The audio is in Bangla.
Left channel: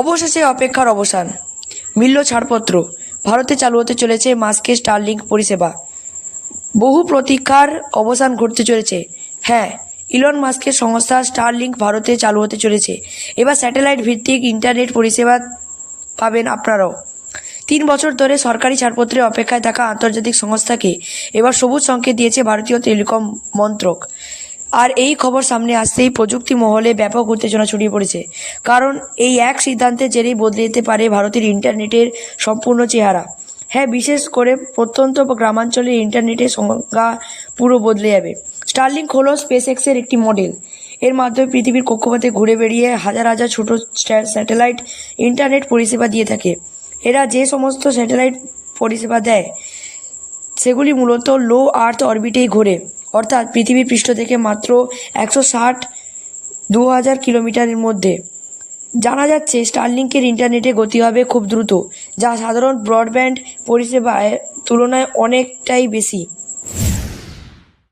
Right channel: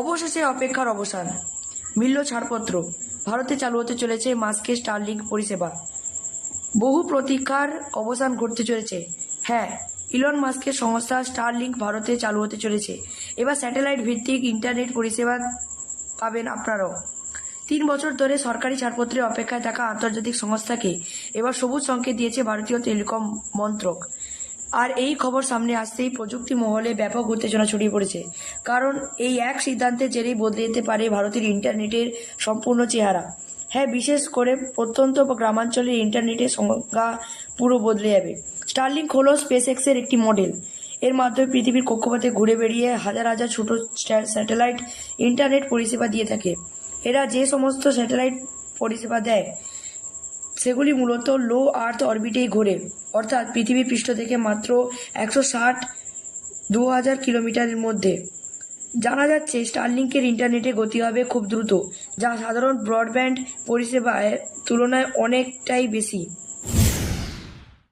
অবশেষে অপেক্ষার অবসান মিলল ছাড়পত্র। ভারতে চালু হতে চলেছে মাস্কে স্টারলিংক পরিষেবা। বহু প্রতীক্ষার অবসান ঘটতে চলেছে। হ্যাঁ, ইলন মাস্কের সংস্থা স্টারলিংক ভারতে চালু হতে চলেছে। এবার স্যাটেলাইট ভিত্তিক ইন্টারনেট পরিষেবা পাবেন আপনারাও। 3 বছর ধরে সরকারি ছাড়পত্রের অপেক্ষায় থাকা আন্তর্জাতিক সংস্থাকে এবার সবুজ সংকেত দিয়েছে ভারতীয় টেলিকম মন্ত্রক। আর এই খবর সামনে আসতেই প্রযুক্তি মহলে ব্যাপক উত্তেজনা ছড়িয়ে পড়েছে, কারণ এই এক সিদ্ধান্তের জেরেই বদলে যেতে পারে ভারতের ইন্টারনেটের সম্পূর্ণ চেহারা। হ্যাঁ, বিশেষ করে প্রত্যন্ত বা গ্রামাঞ্চলের ইন্টারনেটের সংজ্ঞা পুরো বদলে যাবে। স্টারলিংক হলো স্পেসএক্সের একটি মডেল। এর মাধ্যমে পৃথিবীর কক্ষপথে ঘুরে বেড়িয়ে হাজার হাজার ছোট স্যাটেলাইট ইন্টারনেট পরিষেবা দিয়ে থাকে। এরা যে সমস্ত স্যাটেলাইট পরিষেবা দেয় সেগুলি মূলত লো আর্থ অরবিটেই ঘোরে, অর্থাৎ পৃথিবীর পৃষ্ঠ থেকে মাত্র 160-2000 কিলোমিটারের মধ্যে। জানা যাচ্ছে স্টারলিংকের ইন্টারনেটে গতি হবে খুব দ্রুত, যা সাধারণ ব্রডব্যান্ড পরিষেবার তুলনায় অনেকটাই বেশি।